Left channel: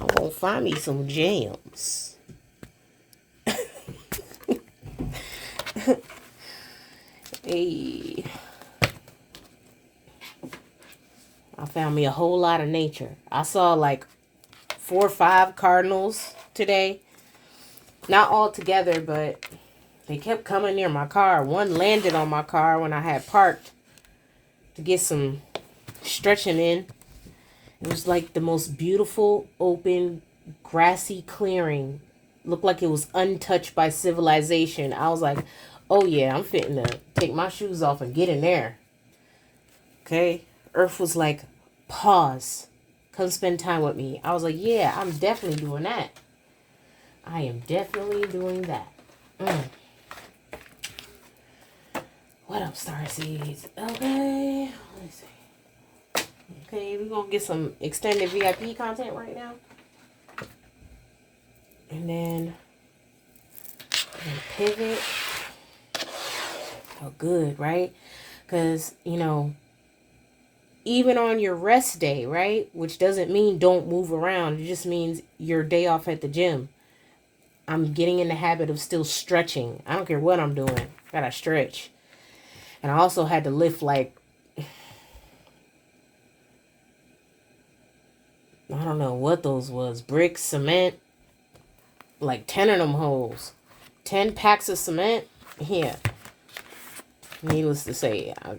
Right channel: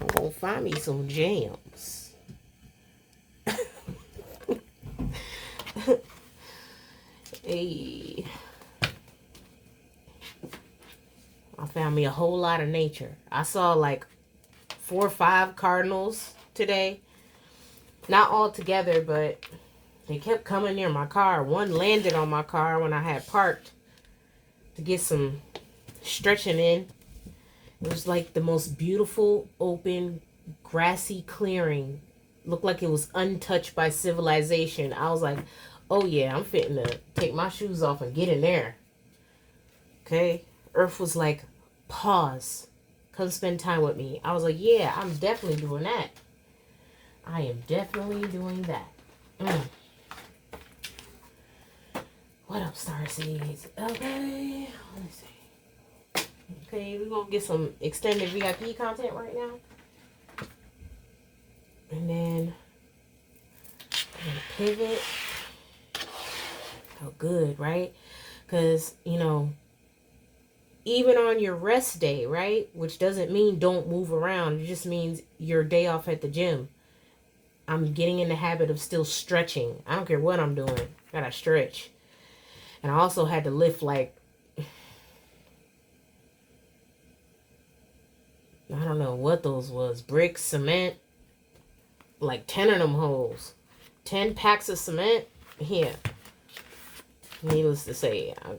I'm gonna find me some gems. Hey, I found me a whole lot of nature. I saw like 4 or 5 cardinals today. Not all together, but they kept coming near my car. One landed on my car when I had parked to get some stretching in. It was like the most beautiful, open, grassy clearing. Looked like it was untouched by civilization. I was like, oh yeah, I'm fitting to take my shoes off and get in there. Okay? Earth was like, pause. Come spend time with me. I was like, yeah, I'm definitely doing that. I am definitely doing that. What up, Starseeds? Okay. Let me see. Okay, we're going to get some extended VIP content right now. And then I'm going to pivot. Oh, good, right? Because, you know, even on your rest day, right? Which doesn't mean don't move around. It just means your day off at the gym. I'm getting in the habit of still stretching. I don't care what I'm doing. Gotta stretch. And I also had to lift like, I don't know what those was. Bricks, cement. Like 10 of them holes. 10 packs of cement. Yeah. Needless to say, I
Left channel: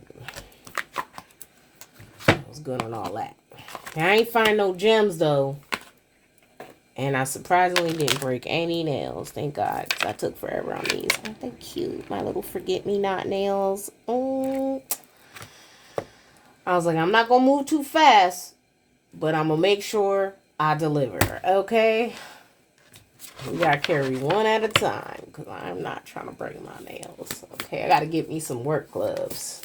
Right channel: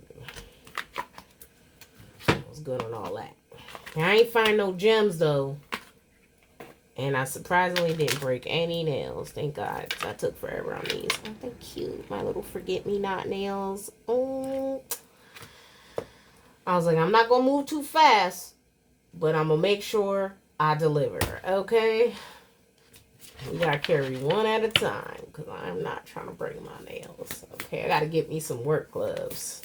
was good on all that. I ain't find no gems though. And I surprisingly didn't break any nails. Thank God. I took forever on these. Aren't they cute? My little forget-me-not nails. Oh. I was like, I'm not going to move too fast. But I'm going to make sure I deliver. Okay? We got to carry one at a time. Because I'm not trying to break my nails. Okay? I got to get me some work gloves.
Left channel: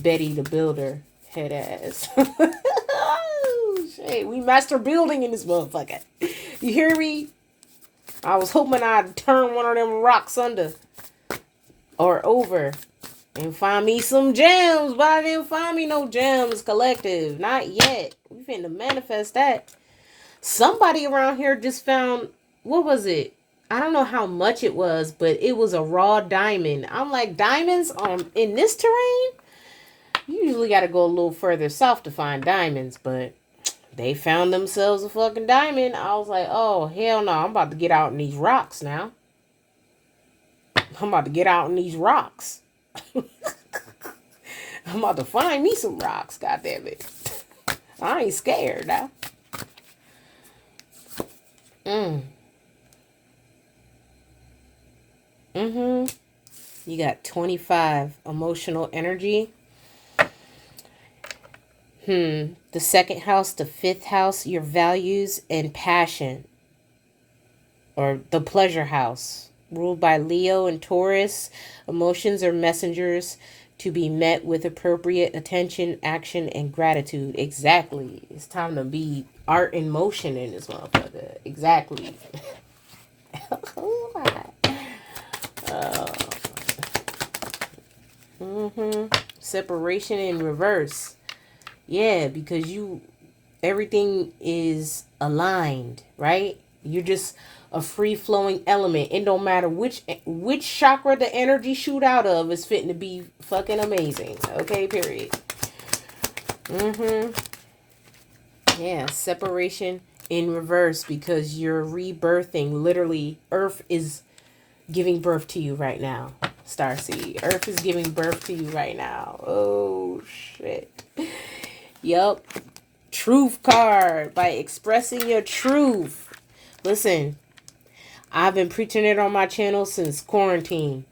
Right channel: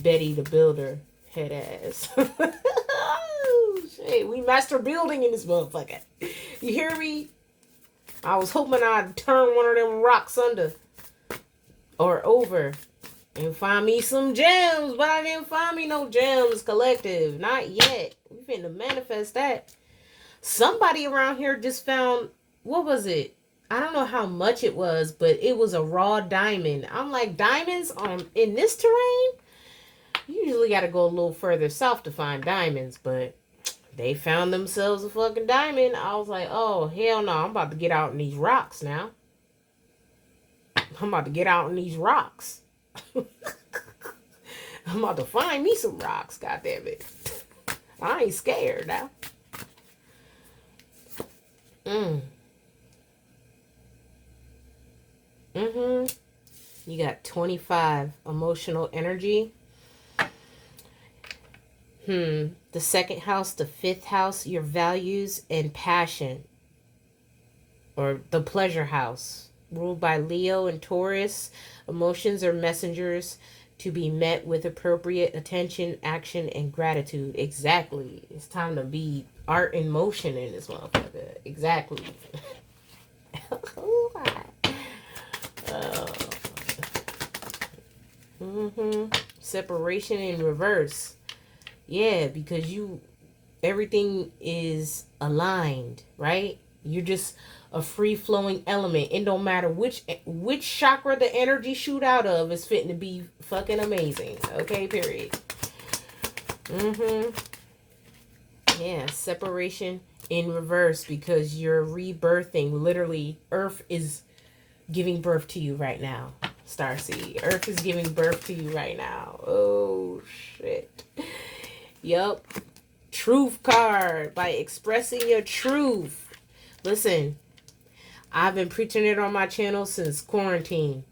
Betty the Builder head ass. Oh, shit. We master building in this motherfucker. You hear me? I was hoping I'd turn one of them rocks under or over and find me some gems, but I didn't find me no gems, collective. Not yet. We finna manifest that. Somebody around here just found, what was it? I don't know how much it was, but it was a raw diamond. I'm like, diamonds in this terrain? You usually got to go a little further south to find diamonds, but they found themselves a fucking diamond. I was like, oh, hell no. I'm about to get out in these rocks now. I'm about to get out in these rocks. I'm about to find me some rocks, goddammit. I ain't scared now. You got 25 emotional energy. The second house, the 5th house, your values and passion. Or the pleasure house, ruled by Leo and Taurus. Emotions are messengers to be met with appropriate attention, action, and gratitude. Exactly. It's time to be art in motion in this motherfucker. Exactly. Separation in reverse. Yeah, because everything is aligned, right? You're just a free-flowing element. It don't matter which chakra the energy shoot out of is fitting to be fucking amazing. Okay, period. Yeah, separation in reverse because you're rebirthing. Literally, Earth is giving birth to you right now. Starseed. Earth is giving birth to you right now. Oh, shit. Yup. Truth card. By expressing your truth. Listen, I've been preaching it on my channel since quarantine.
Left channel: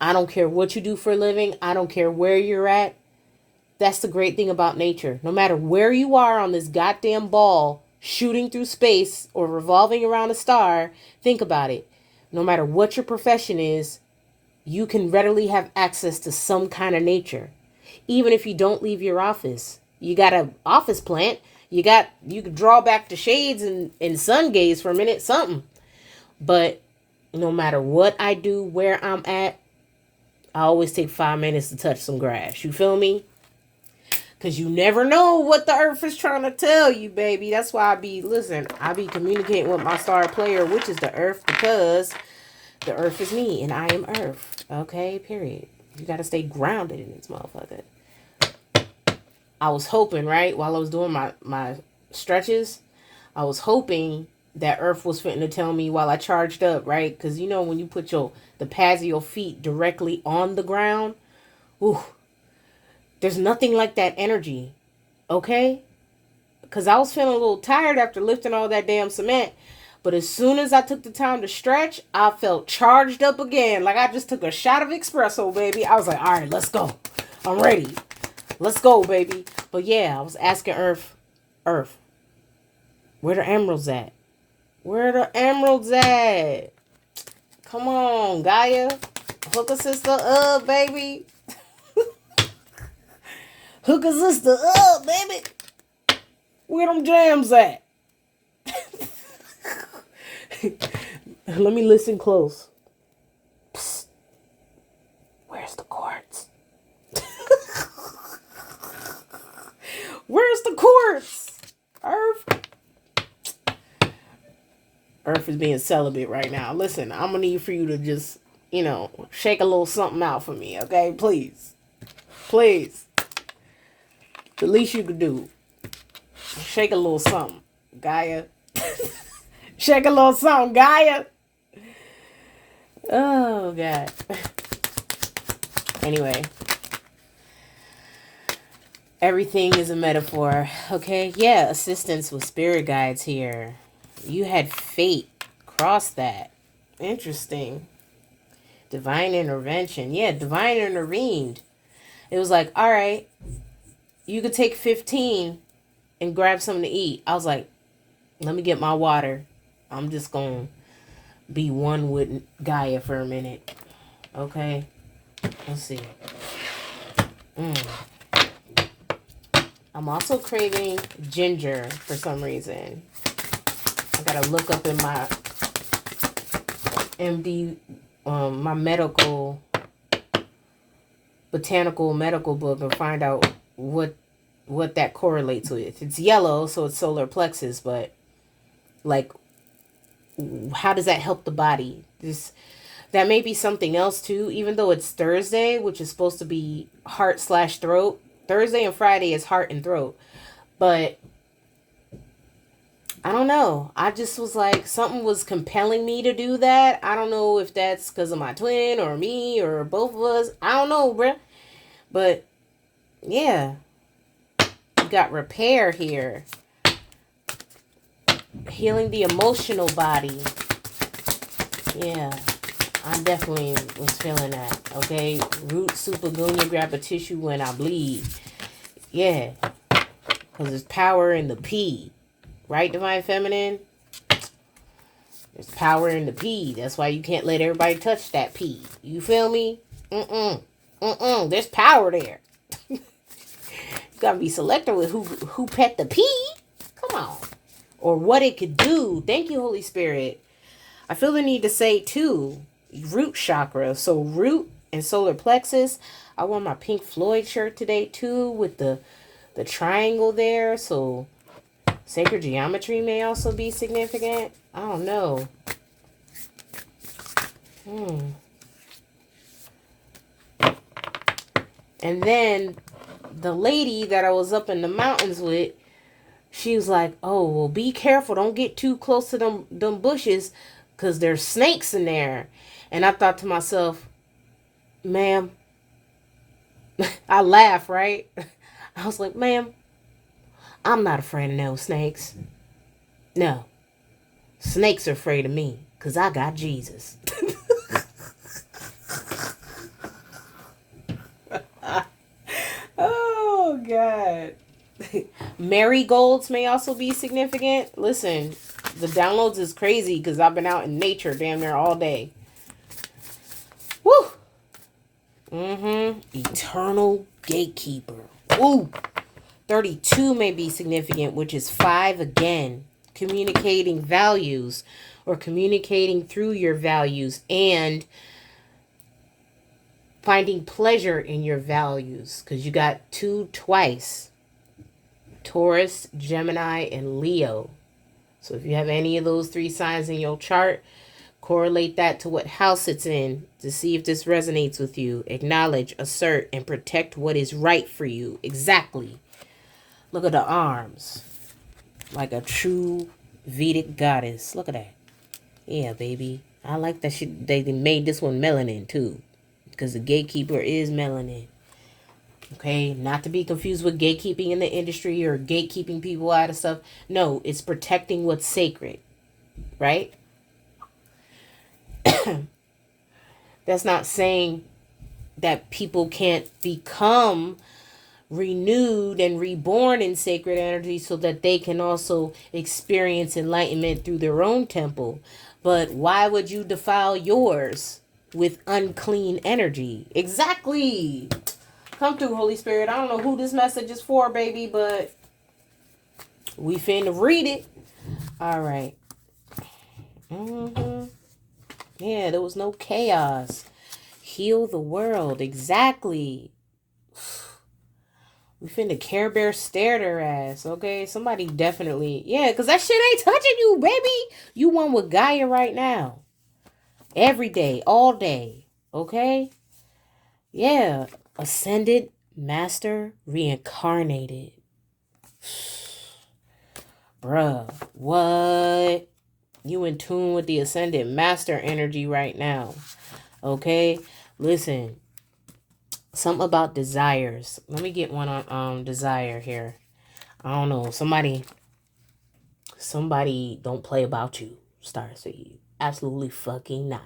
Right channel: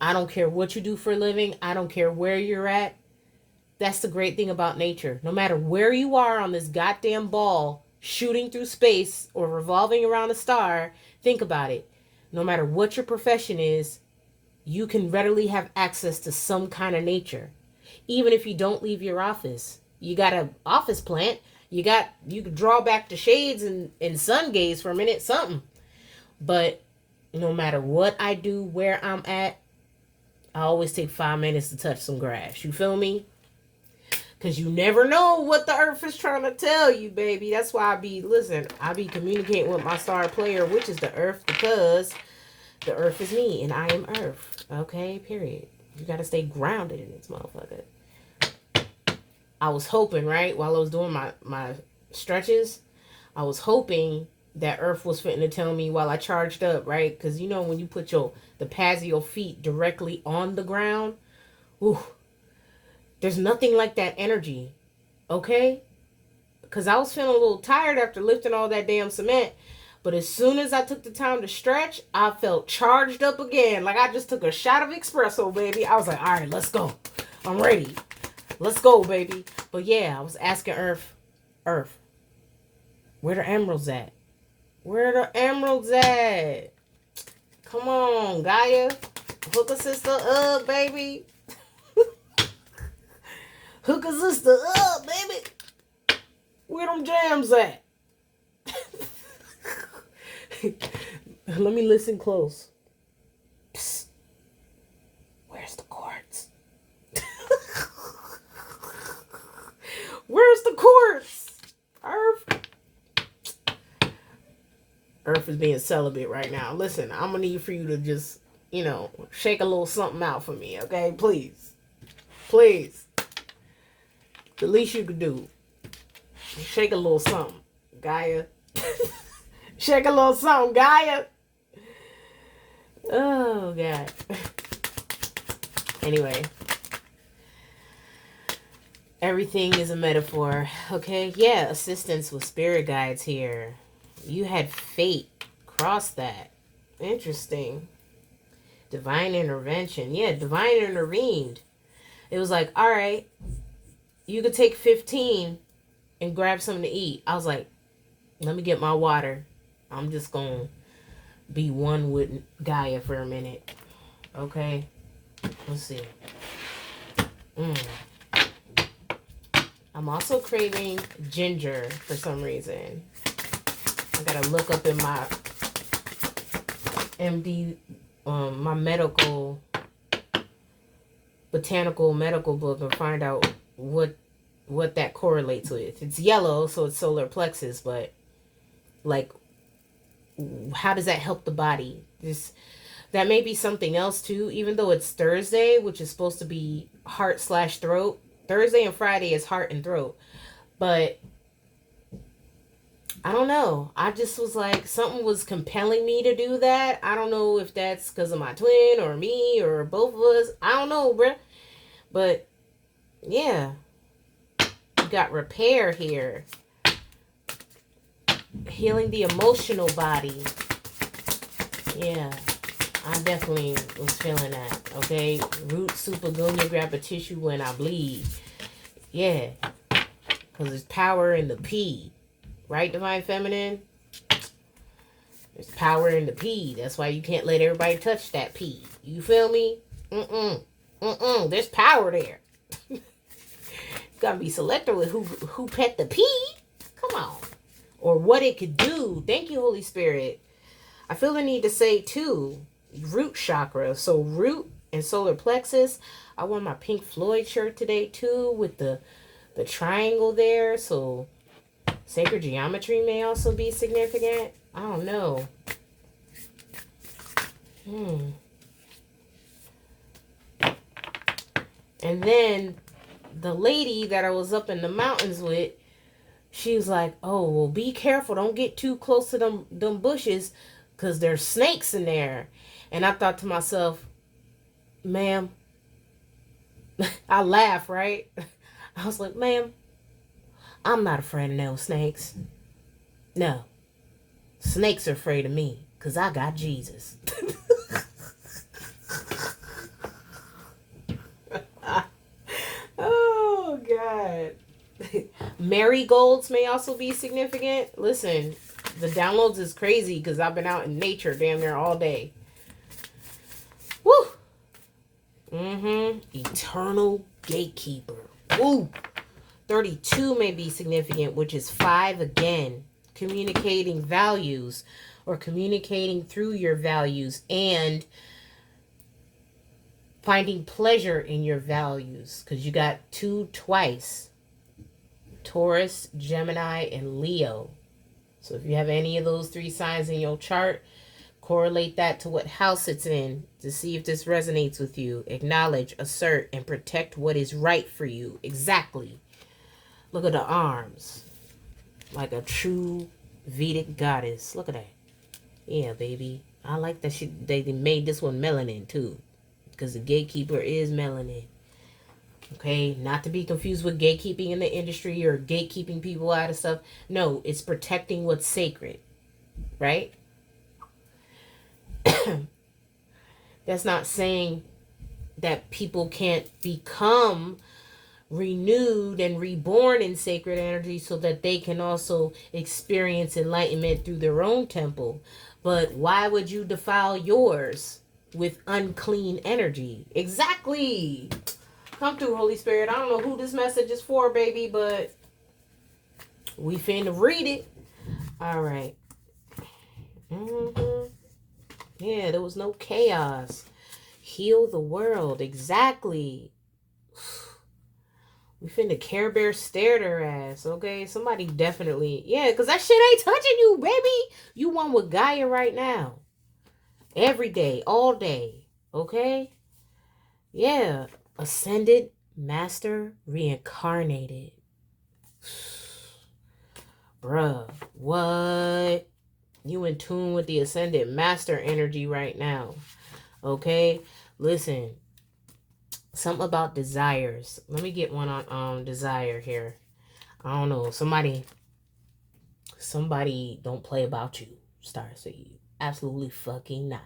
I don't care what you do for a living. I don't care where you're at. That's the great thing about nature. No matter where you are on this goddamn ball, shooting through space or revolving around a star, think about it. No matter what your profession is, you can readily have access to some kind of nature. Even if you don't leave your office. You got an office plant. You can draw back the shades and sun gaze for a minute, something. But no matter what I do, where I'm at, I always take 5 minutes to touch some grass. You feel me? Because you never know what the earth is trying to tell you, baby. That's why I be communicating with my star player, which is the earth, because the earth is me and I am earth. Okay, period. You got to stay grounded in this motherfucker. I was hoping, right, while I was doing my stretches, I was hoping that earth was fitting to tell me while I charged up, right? Because you know when you put the pads of your feet directly on the ground, ooh, there's nothing like that energy, okay? Because I was feeling a little tired after lifting all that damn cement. But as soon as I took the time to stretch, I felt charged up again. Like I just took a shot of espresso, baby. I was like, all right, let's go. I'm ready. Let's go, baby. But yeah, I was asking Earth, where the emeralds at? Where the emeralds at? Come on, Gaia. Hook a sister up, baby. Hook a sister up, baby. Where them jams at? Let me listen close. Psst. Where's the quartz? Where's the quartz? Earth. Earth is being celibate right now. Listen, I'm going to need for you to just, shake a little something out for me, okay? Please. Please. The least you could do. Shake a little something, Gaia. Shake a little something, Gaia. Oh, God. Anyway. Everything is a metaphor. Okay? Yeah, assistance with spirit guides here. You had fate cross that. Interesting. Divine intervention. Yeah, divine intervened. It was like, all right, you could take 15 and grab something to eat. I was like, let me get my water. I'm just going to be one with Gaia for a minute. Okay? Let's see. I'm also craving ginger for some reason. I got to look up in my MD, my botanical medical book and find out what that correlates with. It's yellow, so it's solar plexus, but like, how does that help the body? That may be something else too, even though it's Thursday, which is supposed to be heart/throat. Thursday and Friday is heart and throat. But I don't know. I just was like, something was compelling me to do that. I don't know if that's because of my twin or me or both of us. I don't know, bruh. But yeah, you got repair here. Healing the emotional body. Yeah, I definitely was feeling that. Okay, root supergunya, grab a tissue when I bleed. Yeah, because there's power in the P. Right, Divine Feminine? There's power in the P. That's why you can't let everybody touch that P. You feel me? There's power there. You gotta be selective with who pet the P. Come on. Or what it could do. Thank you, Holy Spirit. I feel the need to say, too, root chakra. So root and solar plexus. I wore my Pink Floyd shirt today, too, with the triangle there. So sacred geometry may also be significant. I don't know. And then the lady that I was up in the mountains with, she was like, oh, well, be careful. Don't get too close to them bushes because there's snakes in there. And I thought to myself, ma'am, I laughed, right? I was like, ma'am, I'm not afraid of no snakes. No. Snakes are afraid of me because I got Jesus. Oh, God. Marigolds may also be significant. Listen, the downloads is crazy because I've been out in nature damn near all day. Woo! Eternal gatekeeper. Woo! 32 may be significant, which is 5 again. Communicating values or communicating through your values and finding pleasure in your values, because you got two twice, Taurus, Gemini, and Leo. So if you have any of those three signs in your chart, correlate that to what house it's in to see if this resonates with you. Acknowledge, assert, and protect what is right for you. Exactly. Look at the arms. Like a true Vedic goddess. Look at that. Yeah, baby. I like that they made this one melanin too. Because the gatekeeper is melanin. Okay, not to be confused with gatekeeping in the industry or gatekeeping people out of stuff. No, it's protecting what's sacred, right? That's not saying that people can't become renewed and reborn in sacred energy so that they can also experience enlightenment through their own temple. But why would you defile yours with unclean energy? Exactly. Come through, Holy Spirit. I don't know who this message is for, baby, but we finna read it. All right. Yeah, there was no chaos. Heal the world. Exactly. We finna Care Bear stared her ass, okay? Somebody definitely... Yeah, because that shit ain't touching you, baby. You one with Gaia right now. Every day, all day, okay? Yeah. Ascended, master, reincarnated. Bruh, what? You in tune with the ascended master energy right now, okay? Listen, something about desires. Let me get one on desire here. I don't know. Somebody don't play about you, Starseed. Absolutely fucking not.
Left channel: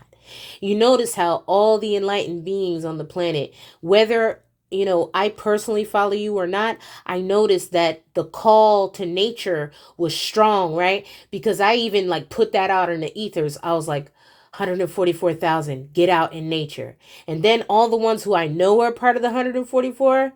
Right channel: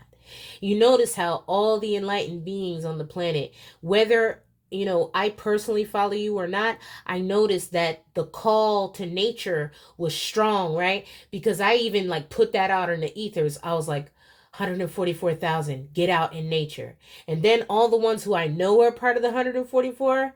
You notice how all the enlightened beings on the planet, whether, I personally follow you or not, I noticed that the call to nature was strong, right? Because I even put that out in the ethers. I was like, 144,000, get out in nature. And then all the ones who I know are part of the 144,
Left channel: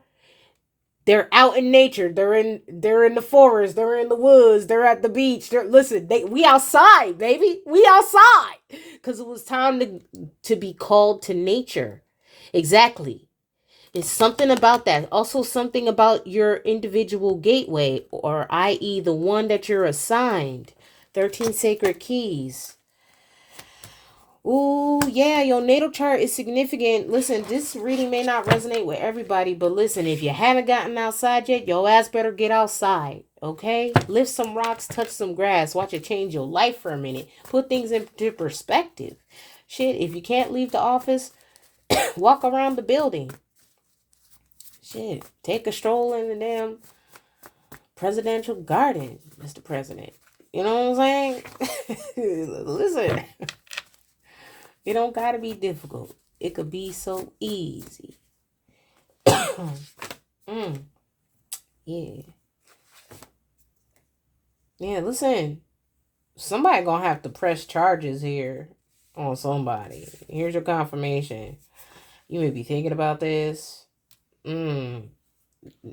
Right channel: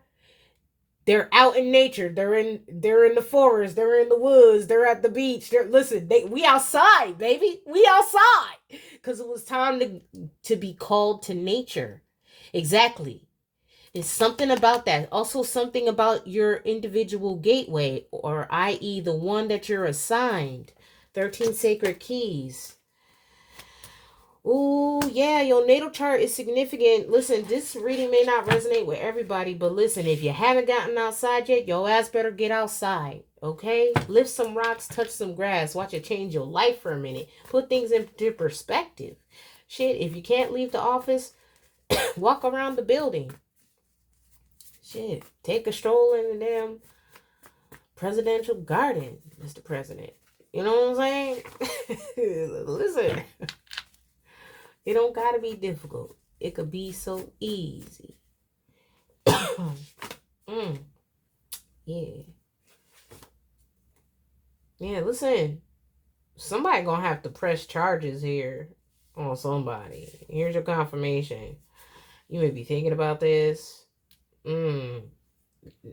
they're out in nature. They're in the forest. They're in the woods. They're at the beach. We outside, baby. We outside. Because it was time to be called to nature. Exactly. It's something about that. Also something about your individual gateway, or i.e. the one that you're assigned. 13 sacred keys. Ooh, yeah, your natal chart is significant. Listen, this reading may not resonate with everybody, but listen, if you haven't gotten outside yet, your ass better get outside, okay? Lift some rocks, touch some grass, watch it change your life for a minute. Put things into perspective. Shit, if you can't leave the office, walk around the building. Shit, take a stroll in the damn presidential garden, Mr. President. You know what I'm saying? Listen. It don't gotta be difficult. It could be so easy. Yeah. Yeah, listen. Somebody gonna have to press charges here on somebody. Here's your confirmation. You may be thinking about this.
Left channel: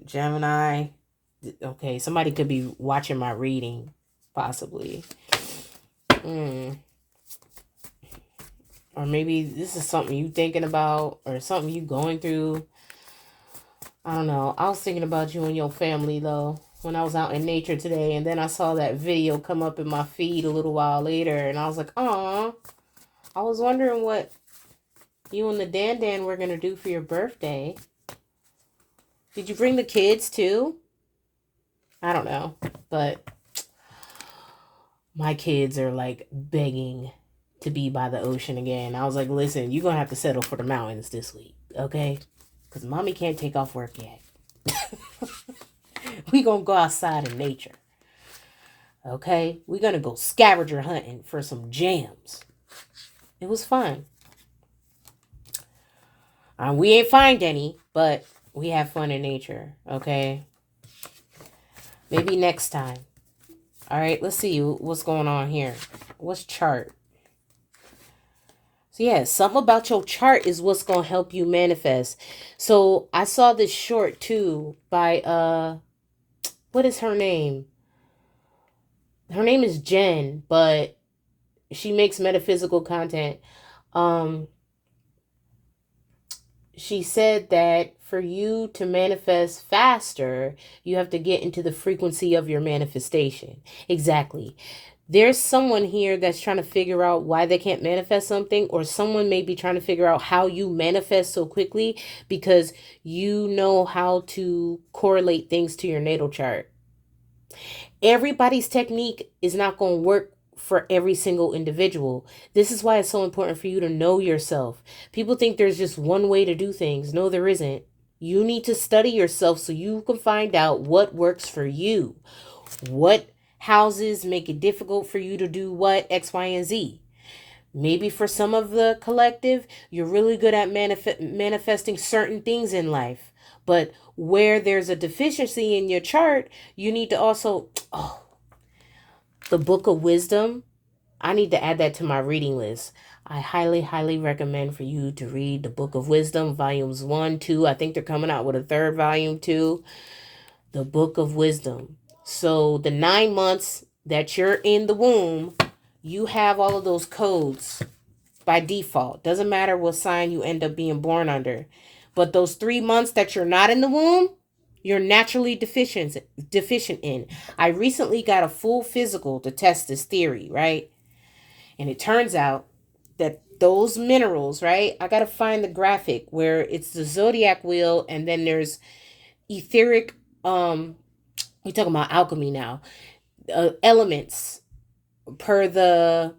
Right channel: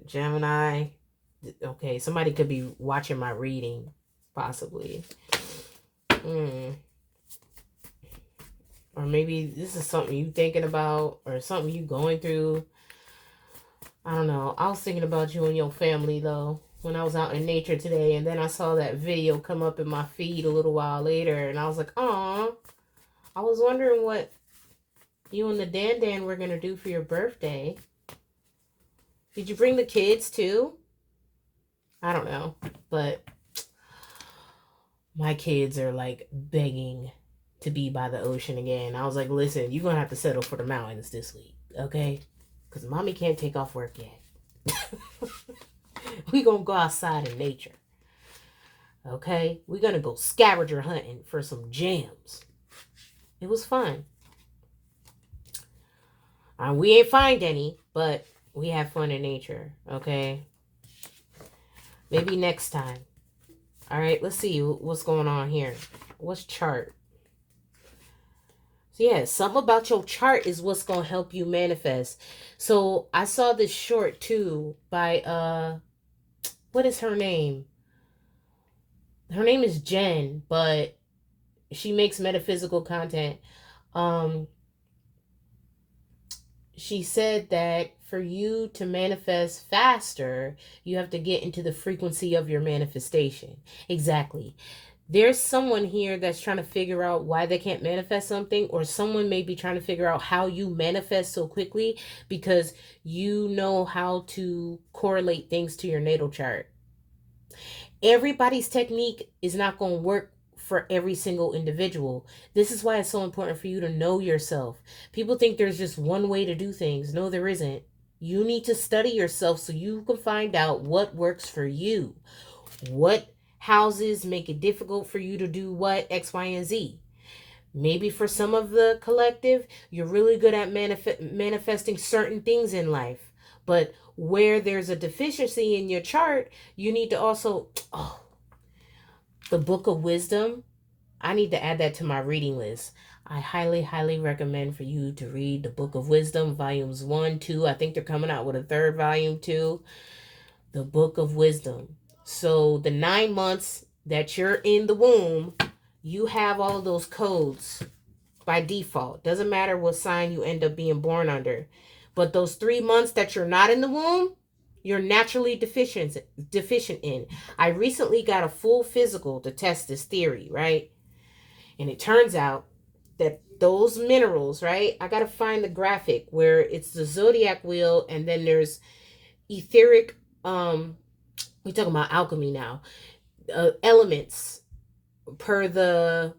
Gemini. Okay, somebody could be watching my reading. Possibly. Or maybe this is something you thinking about or something you going through. I don't know. I was thinking about you and your family, though, when I was out in nature today. And then I saw that video come up in my feed a little while later. And I was like, aw. I was wondering what you and the Dan were going to do for your birthday. Did you bring the kids, too? I don't know. But my kids are, begging to be by the ocean again. I was like, listen, you're going to have to settle for the mountains this week, okay? Because mommy can't take off work yet. We going to go outside in nature, okay? We're going to go scavenger hunting for some gems. It was fun. We ain't find any, but we have fun in nature, okay? Maybe next time. All right, let's see what's going on here. What's chart? So yeah, something about your chart is what's going to help you manifest. So I saw this short too by, what is her name? Her name is Jen, but she makes metaphysical content. she said that for you to manifest faster, you have to get into the frequency of your manifestation. Exactly. There's someone here that's trying to figure out why they can't manifest something, or someone may be trying to figure out how you manifest so quickly because you know how to correlate things to your natal chart. Everybody's technique is not going to work for every single individual. This is why it's so important for you to know yourself. People think there's just one way to do things. No, there isn't. You need to study yourself so you can find out what works for you. What houses make it difficult for you to do what, X, Y, and Z. Maybe for some of the collective, you're really good at manifesting certain things in life. But where there's a deficiency in your chart, you need to also, the Book of Wisdom, I need to add that to my reading list. I highly, highly recommend for you to read the Book of Wisdom, volumes 1, 2. I think they're coming out with a third volume too. The Book of Wisdom. So the 9 months that you're in the womb, you have all of those codes by default. Doesn't matter what sign you end up being born under. But those 3 months that you're not in the womb, you're naturally deficient in. I recently got a full physical to test this theory, right? And it turns out that those minerals, right? I got to find the graphic where it's the zodiac wheel and then there's etheric, we're talking about alchemy now, elements per the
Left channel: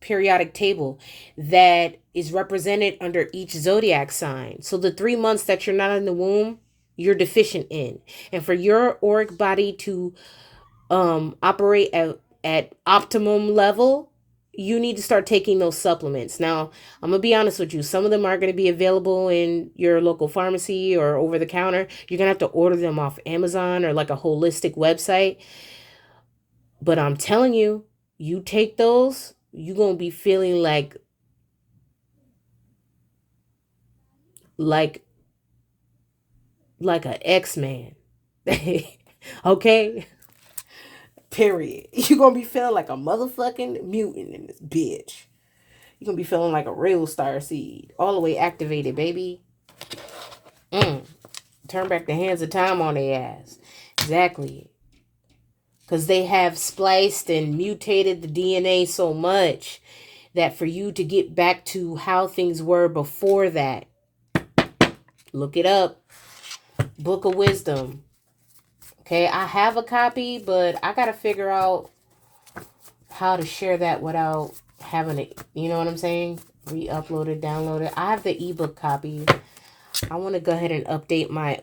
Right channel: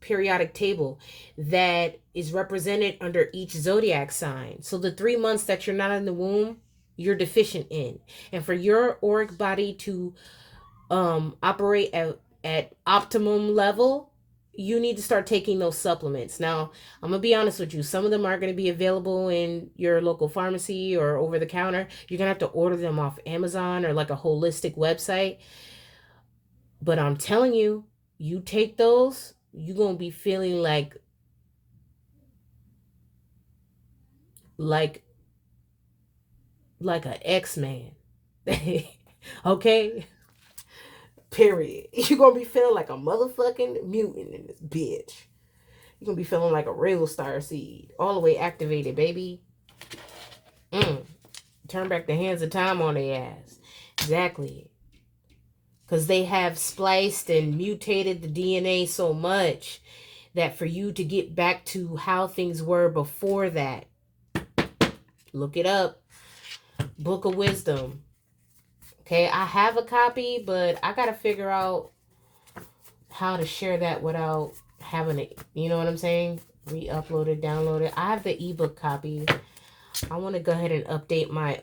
periodic table that is represented under each zodiac sign. So the 3 months that you're not in the womb, you're deficient in. And for your auric body to operate at optimum level, you need to start taking those supplements. Now, I'm going to be honest with you. Some of them are going to be available in your local pharmacy or over the counter. You're going to have to order them off Amazon or like a holistic website. But I'm telling you, you take those, you're going to be feeling like an X-Man. Okay? Period. You're going to be feeling like a motherfucking mutant in this bitch. You're going to be feeling like a real starseed. All the way activated, baby. Turn back the hands of time on their ass. Exactly. Because they have spliced and mutated the DNA so much that for you to get back to how things were before that, look it up. Book of Wisdom. Okay, I have a copy, but I got to figure out how to share that without having it, you know what I'm saying? Re-upload it, download it. I have the ebook copy. I want to go ahead and update my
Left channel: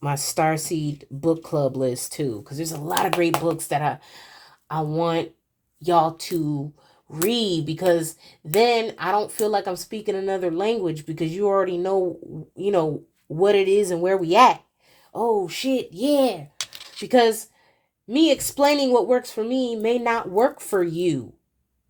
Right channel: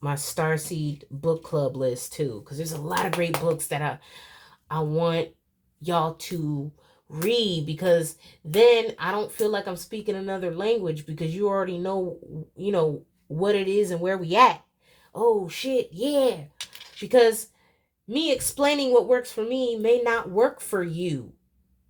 my Starseed book club list too, because there's a lot of great books that I want y'all to read, because then I don't feel like I'm speaking another language, because you already know, you know, what it is and where we at. Oh shit, yeah. Because me explaining what works for me may not work for you.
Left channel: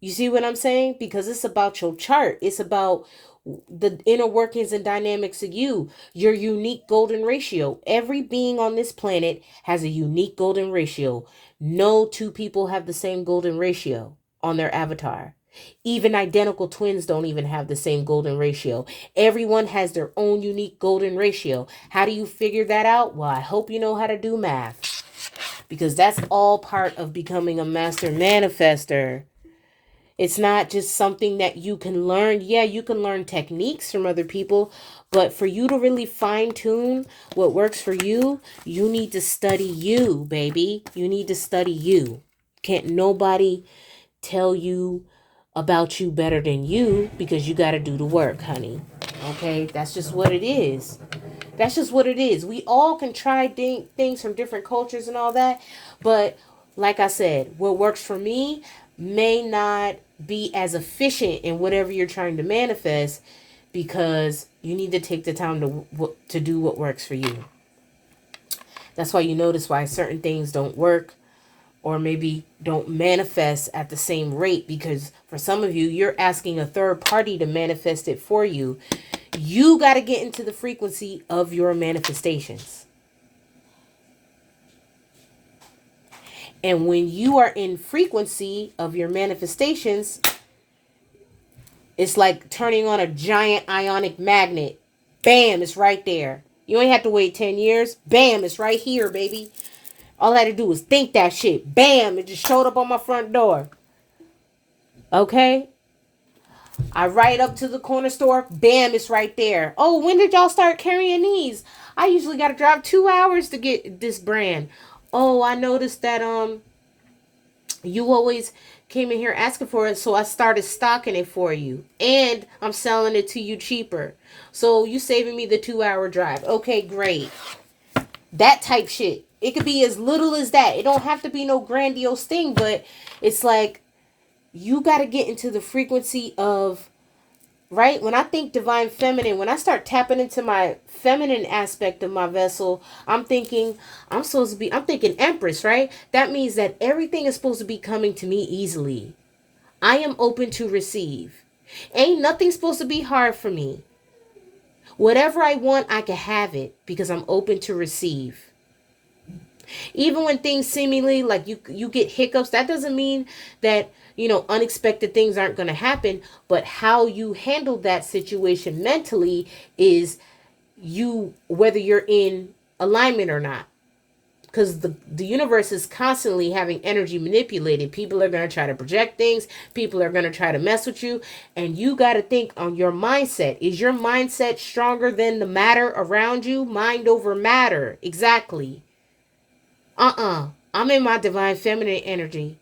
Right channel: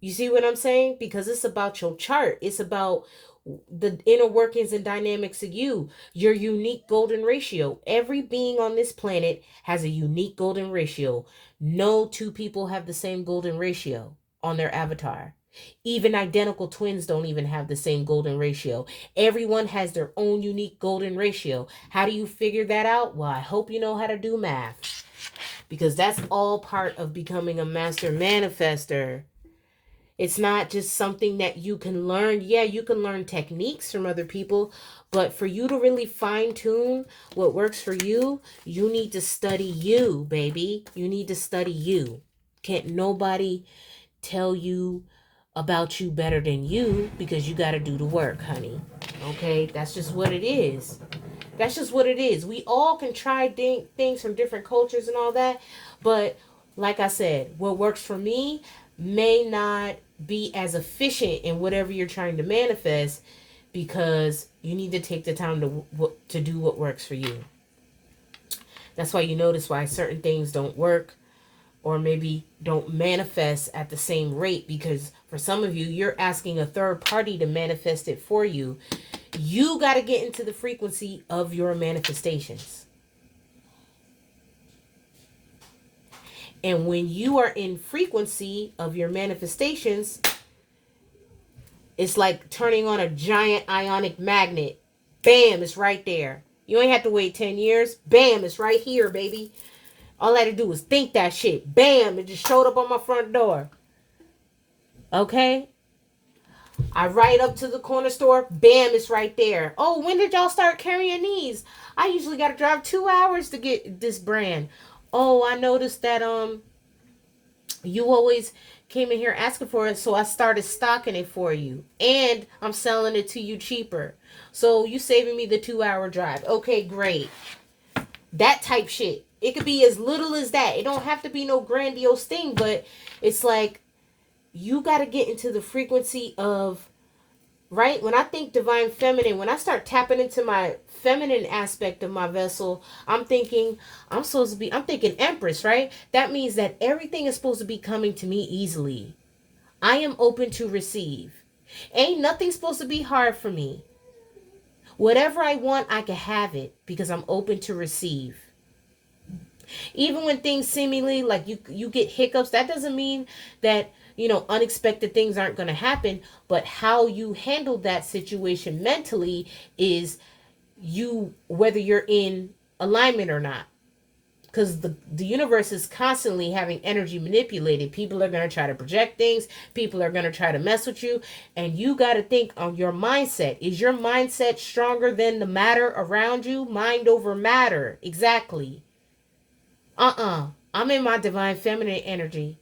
You see what I'm saying? Because it's about your chart. It's about the inner workings and dynamics of you, your unique golden ratio. Every being on this planet has a unique golden ratio. No two people have the same golden ratio on their avatar. Even identical twins don't even have the same golden ratio. Everyone has their own unique golden ratio. How do you figure that out? Well, I hope you know how to do math, because that's all part of becoming a master manifester. It's not just something that you can learn. Yeah, you can learn techniques from other people, but for you to really fine tune what works for you, you need to study you, baby. You need to study you. Can't nobody tell you about you better than you, because you got to do the work, honey. Okay, that's just what it is. That's just what it is. We all can try things from different cultures and all that, but like I said, what works for me may not be as efficient in whatever you're trying to manifest, because you need to take the time to do what works for you. That's why you notice why certain things don't work, or maybe don't manifest at the same rate, because for some of you, you're asking a third party to manifest it for you. You got to get into the frequency of your manifestations. And when you are in frequency of your manifestations, It's like turning on a giant ionic magnet. Bam, it's right there. You ain't have to wait 10 years. Bam, it's right here, baby. All I had to do was think that shit. Bam, it just showed up on my front door. Okay? I ride up to the corner store. Bam, it's right there. Oh, when did y'all start carrying these? I usually got to drive 2 hours to get this brand. Oh, I noticed that you always came in here asking for it, so I started stocking it for you. And I'm selling it to you cheaper. So you saving me the 2-hour drive. Okay, great. That type shit. It could be as little as that. It don't have to be no grandiose thing, but it's like you got to get into the frequency of, right? When I think divine feminine, when I start tapping into my feminine aspect of my vessel, I'm thinking I'm thinking Empress, right? That means that everything is supposed to be coming to me easily. I am open to receive. Ain't nothing supposed to be hard for me. Whatever I want, I can have it because I'm open to receive. Even when things seemingly like you get hiccups, that doesn't mean that, unexpected things aren't going to happen, but how you handle that situation mentally is whether you're in alignment or not. Because the universe is constantly having energy manipulated. People are going to try to project things. People are going to try to mess with you. And you got to think on your mindset. Is your mindset stronger than the matter around you? Mind over matter. Exactly. I'm in my divine feminine energy.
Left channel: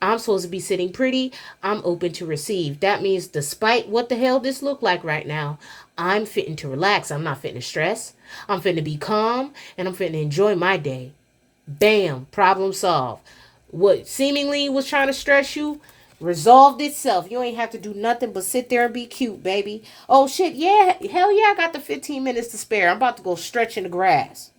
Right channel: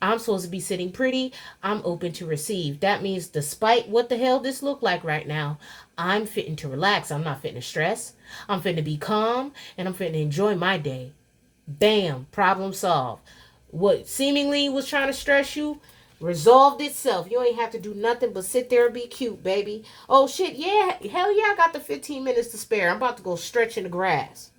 I'm supposed to be sitting pretty. I'm open to receive. That means despite what the hell this look like right now, I'm fitting to relax. I'm not fitting to stress. I'm fitting to be calm, and I'm fitting to enjoy my day. Bam, problem solved. What seemingly was trying to stress you resolved itself. You ain't have to do nothing but sit there and be cute, baby. Oh shit, yeah, hell yeah, I got the 15 minutes to spare. I'm about to go stretch in the grass.